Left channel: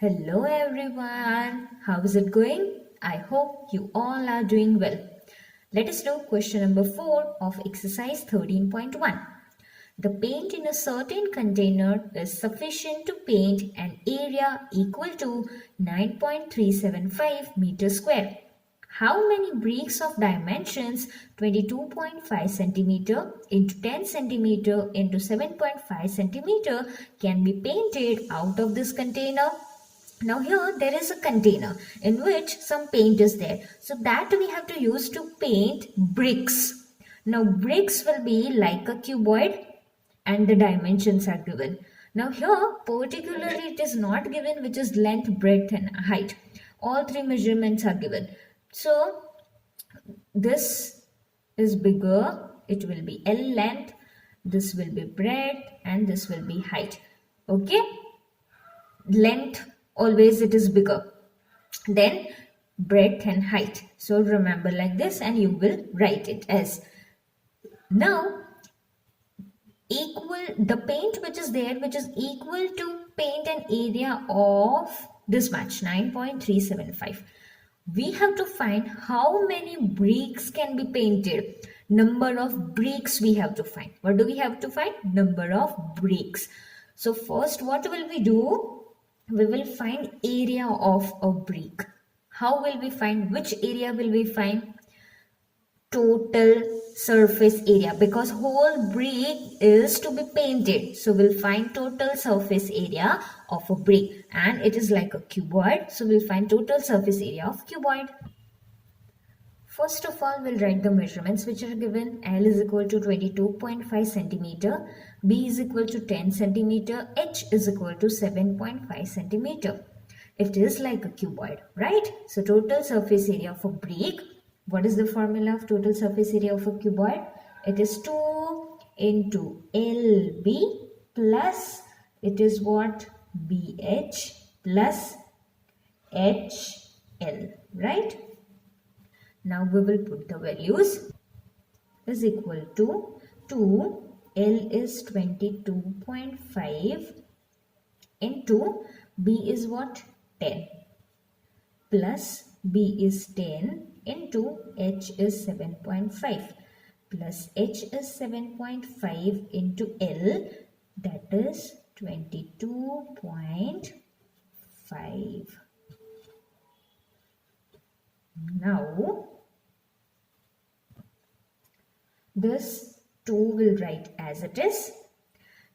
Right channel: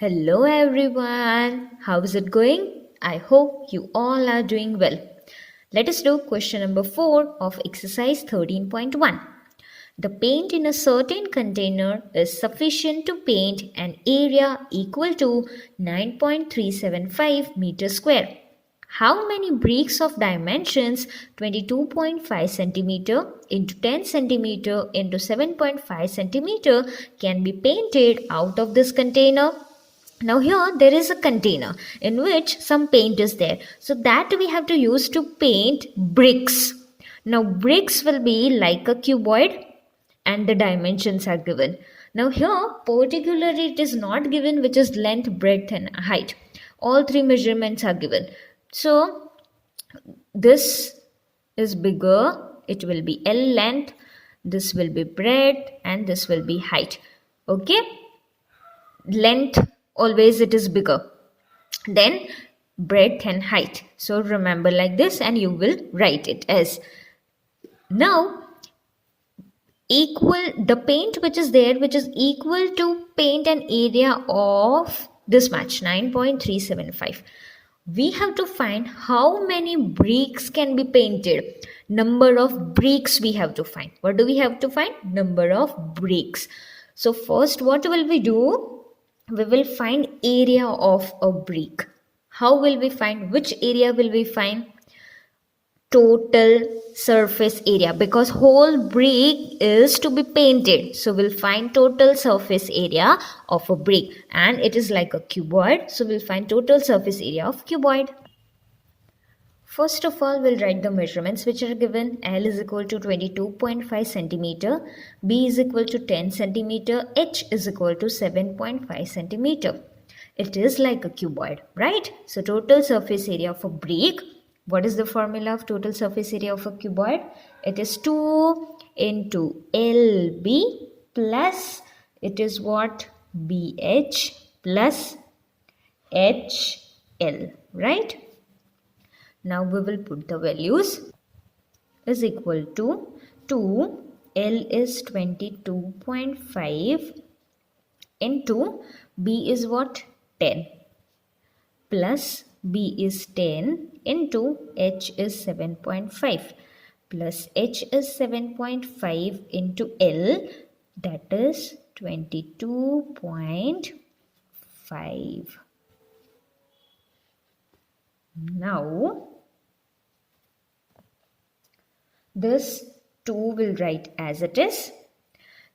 Hello everyone, how is it going? I hope you all are doing well. Let us do question number 4 of exercise 13.1. The paint in a certain container is sufficient to paint an area equal to 9.375 meters square. How many bricks of dimensions 22.5 centimeter into 10 centimeter into 7.5 centimeter can be painted out of this container? Now here there is a container in which some paint is there. So that we have to use to paint bricks. Now bricks will be like a cuboid and the dimensions are given. Now here particularly it is not given which is length, breadth and height. All three measurements are given. So this is bigger, it will be L length, this will be breadth and this will be height. Okay, length always it is bigger then breadth and height. So remember like this and you will write it as now equal the paint which is there which is equal to paint an area of this much 9.375. We have to find how many bricks can be painted. Number of bricks we have to find. What do we have to find? Number of bricks. So first what will we do? We will find area of a brick. How will we find? Which area will we find? Total surface area, because whole brick is to be painted. So we'll find total surface area of a brick and it is like a cuboid. So we'll find total surface area of cuboid. First of all, we'll write the measurements which are given. L is equal to 22.5 centimeter, B is equal to 10 centimeter, H is equal to 7.5 centimeter. It is like a cuboid, right? So total surface area of a brick. What is the formula of total surface area of a cuboid? It is 2 into LB plus it is what? BH plus HL, right? Now we will put the values is equal to 2, L is 22.5 into B is what? 10 plus B is 10 into H is 7.5 plus H is 7.5 into L, that is 22.5. Now this 2 will write as it is.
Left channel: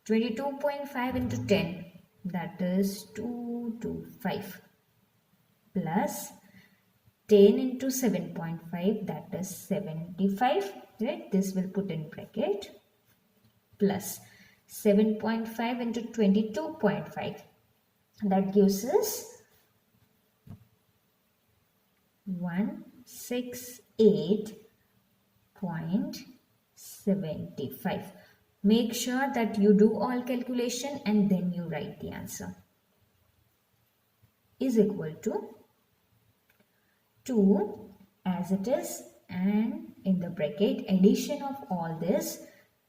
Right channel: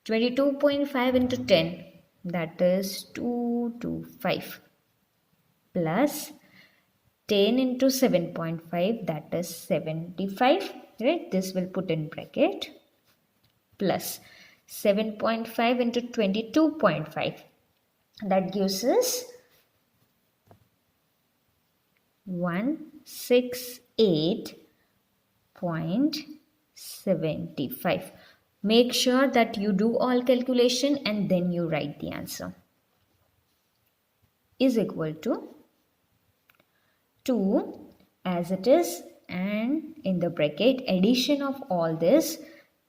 22.5 into 10, that is 225 plus 10 into 7.5, that is 75, right? This will put in bracket plus 7.5 into 22.5, that gives us 168.75. Make sure that you do all calculation and then you write the answer. Is equal to 2 as it is, and in the bracket addition of all this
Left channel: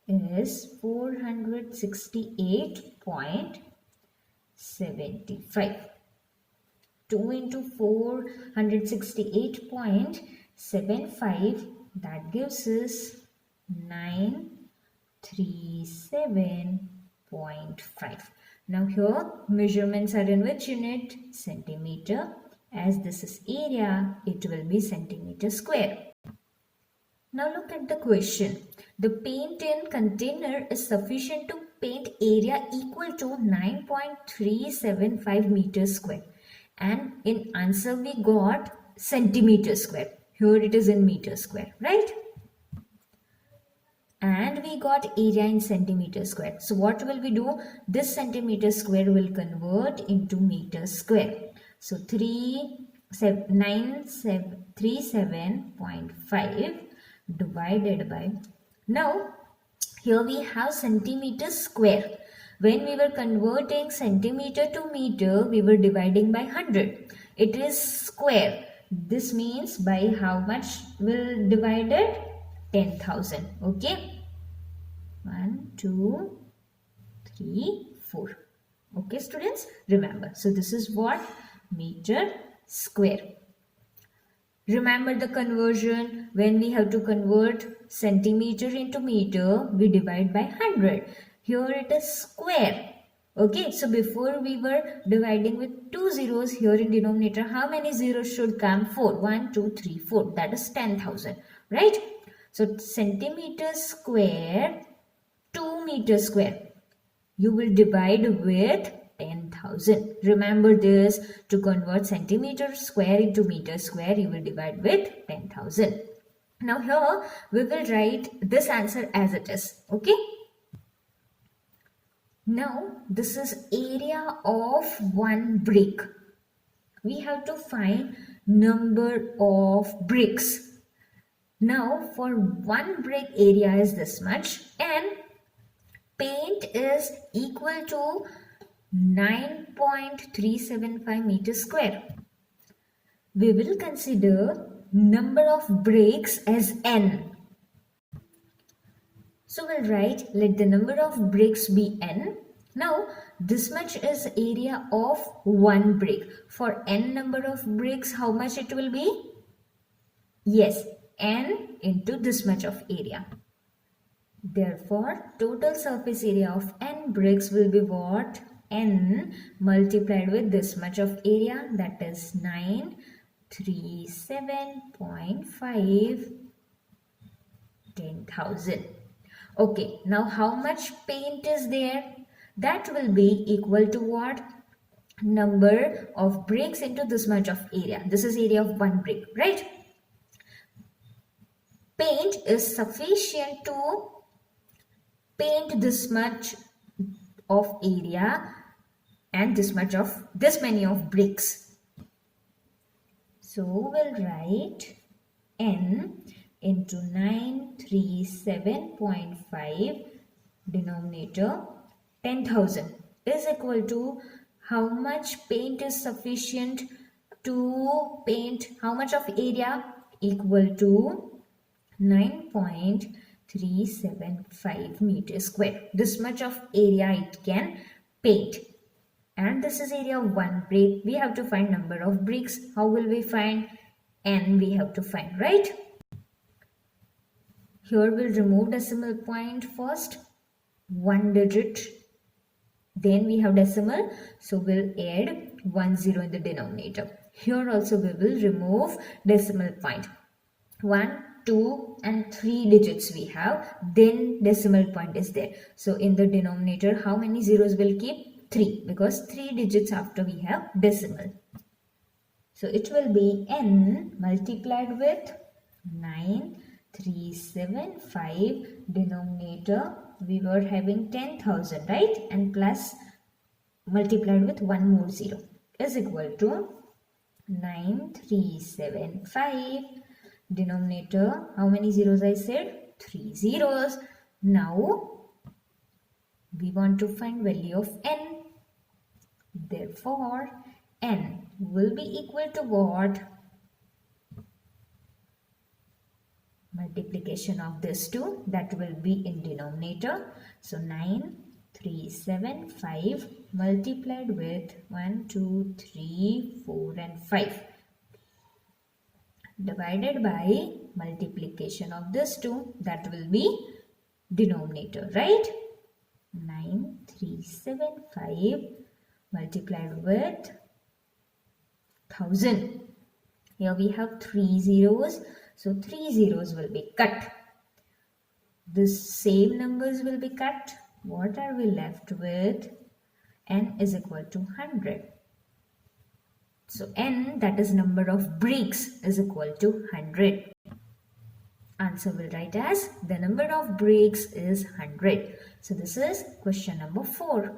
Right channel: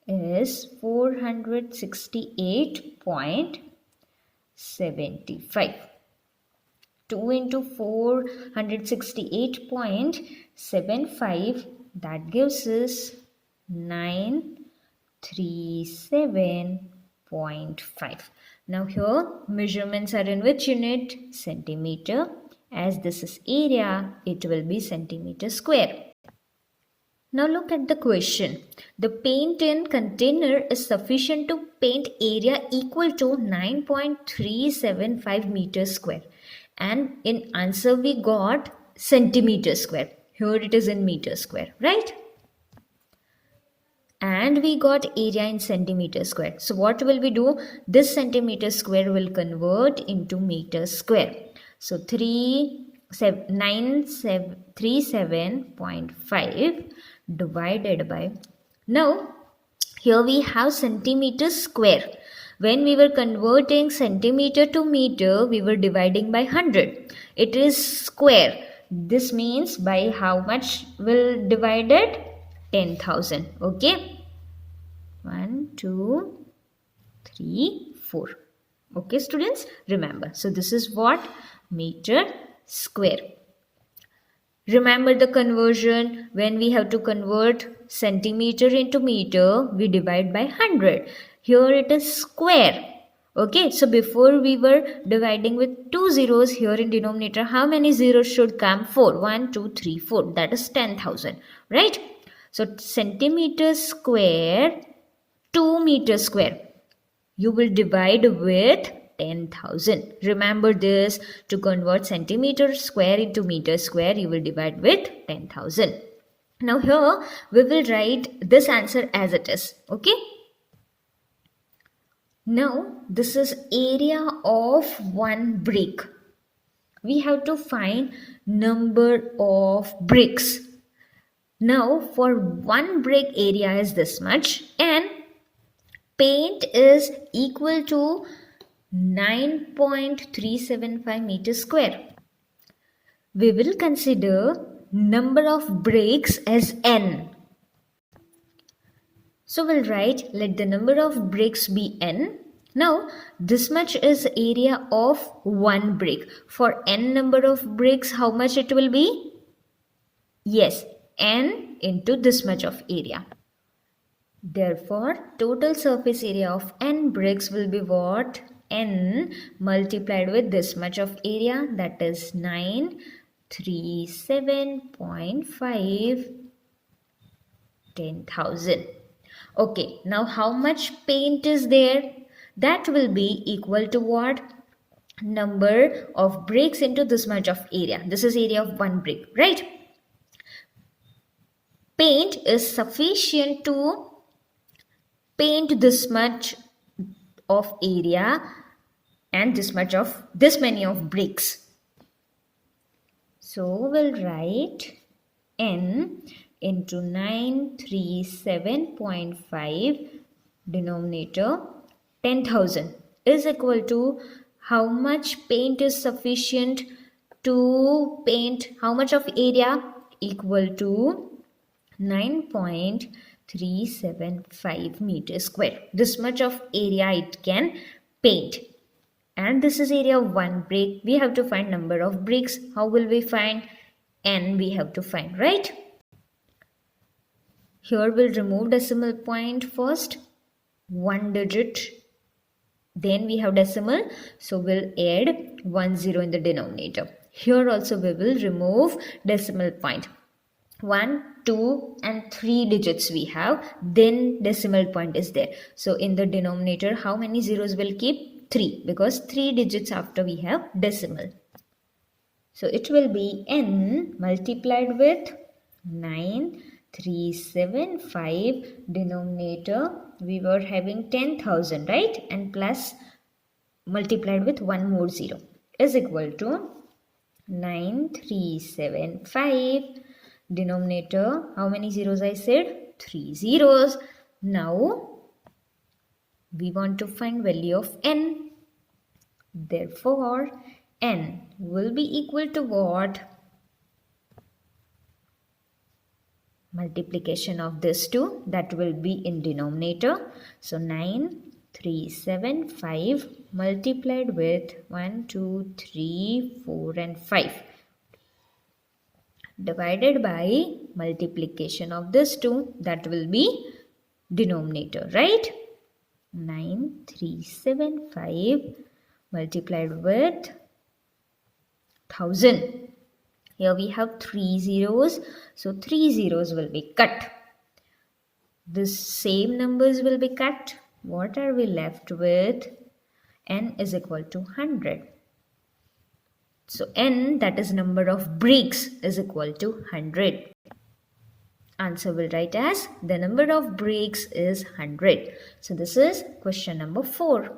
is 468.75. 2 into 468.75, that gives us 937.5. Now here measurements are in which unit? Centimeter. As this is area, it will be centimeter square. Now look at the question. The paint in container is sufficient to paint area equal to 9.375 meters square. And in answer we got centimeter square. Here it is in meter square, right? And we got area in centimeter square. So what will we do? This centimeter square will convert into meter square. So 937.5 divided by, now here we have centimeter square. When we were converting centimeter to meter, we were dividing by 100. It is square. This means by how much will divide it? 10,000. Okay. 1, 2, 3, 4. Okay, students, remember. So this is what? Meter square. Remember the conversion. When we have to convert centimeter into meter, we divide by 100. Here it is square. Okay, so before we were dividing with 2 zeros, here in denominator, how many zeros should come? 4. 1, 2, 3, 4. That is 10,000. Right? So centimeter square, 2 meter square. You will divide with 10,000. Remember this, to convert centimeter square into meter square, you will divide with 10,000. Now here we will write this answer as it is. Okay. Now this is area of one brick. We have to find number of bricks. Now for one brick area is this much and paint is equal to 9.375 meters square. We will consider number of bricks as n. So we'll write, let the number of bricks be n. Now this much is area of one brick. For n number of bricks, how much it will be? Yes, n into this much of area. Therefore, total surface area of n bricks will be what? N multiplied with this much of area, that is 937.5, 10,000. Okay, now how much paint is there? That will be equal to what? Number of bricks into this much of area. This is area of one brick, right? Paint is sufficient to paint this much of area and this many of bricks. So we'll write n into 937.5 denominator 10,000 is equal to how much paint is sufficient to paint how much of area, equal to 9.375 meters square. This much of area it can paint. And this is area of one brick. We have to find number of bricks. How will we find? N we have to find, right? Here we'll remove decimal point first. One digit. Then we have decimal. So we'll add 1 0 in the denominator. Here also we will remove decimal point. 1, 2 and 3 digits we have. Then decimal point is there. So in the denominator, how many zeros will keep? 3, because 3 digits after we have decimal. So it will be n multiplied with 9,375 denominator. We were having 10,000, right? And plus multiplied with one more 0 is equal to 9,375 denominator. How many zeros I said? 3 zeros. Now we want to find value of n. Therefore, n will be equal to what? Multiplication of this two, that will be in denominator. So 9,375 multiplied with 1, 2, 3, 4 and 5 divided by multiplication of this two, that will be denominator, right? 9,375 multiplied with 1000. Here we have 3 zeros. So 3 zeros will be cut. This same numbers will be cut. What are we left with? N is equal to 100. So n, that is number of bricks, is equal to 100. Answer will write as the number of bricks is 100. So this is question number 4.